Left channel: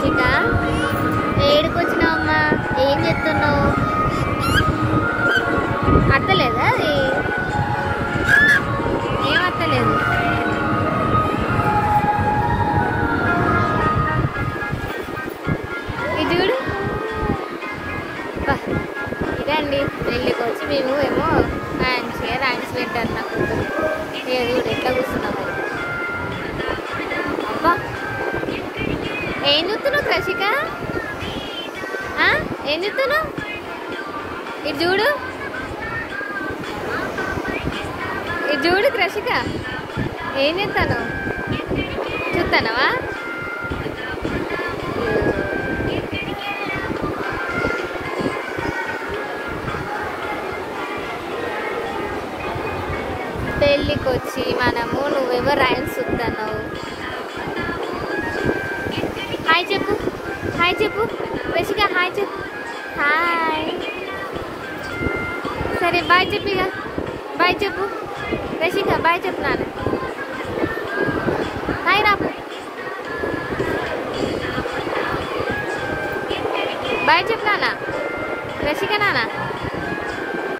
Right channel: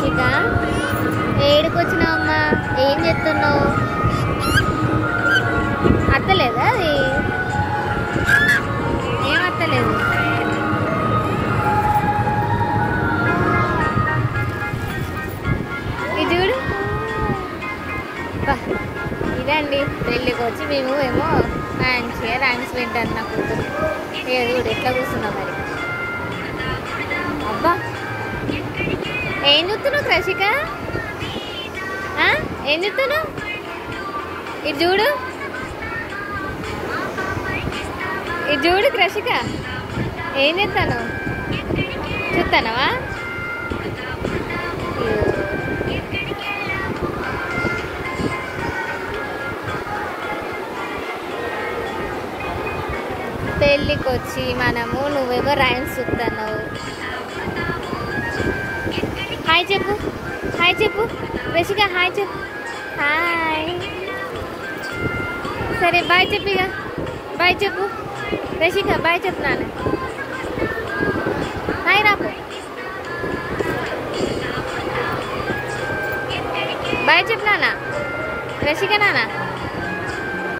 రషిక ఏడుకొచ్చినావమ్మా? ఏం చెప్తున్నావు? అత్తలేదా? అది ఏం అత్తలేదు. ఇది చూడు. ఇదండి పెళ్ళికి వచ్చి మేము ఏమో మంచిగా ర్యాంక్స్ వింటాను నా కూతురు. ఇది కూడా ఎట్లా కూర్చున్నాం మరి. అబ్బా ఏం చూస్తున్నావు రషిక? ఏం చూస్తున్నావు? ఇది చూడు, ఇది చూడు రషిక. ఏం చేస్తాను? చూస్తానవా? పెళ్ళికి వచ్చి మనము నువ్వేమో రైమ్స్ చూస్తున్నావు. హాయ్ చెప్పు, హాయ్ చెప్పు రషిక, హాయ్ చెప్పు. హాయ్. సరే బాయ్ చెప్పు. ఇక బాయ్ చెప్పు రషిక, బాయ్ చెప్పు నాన్న.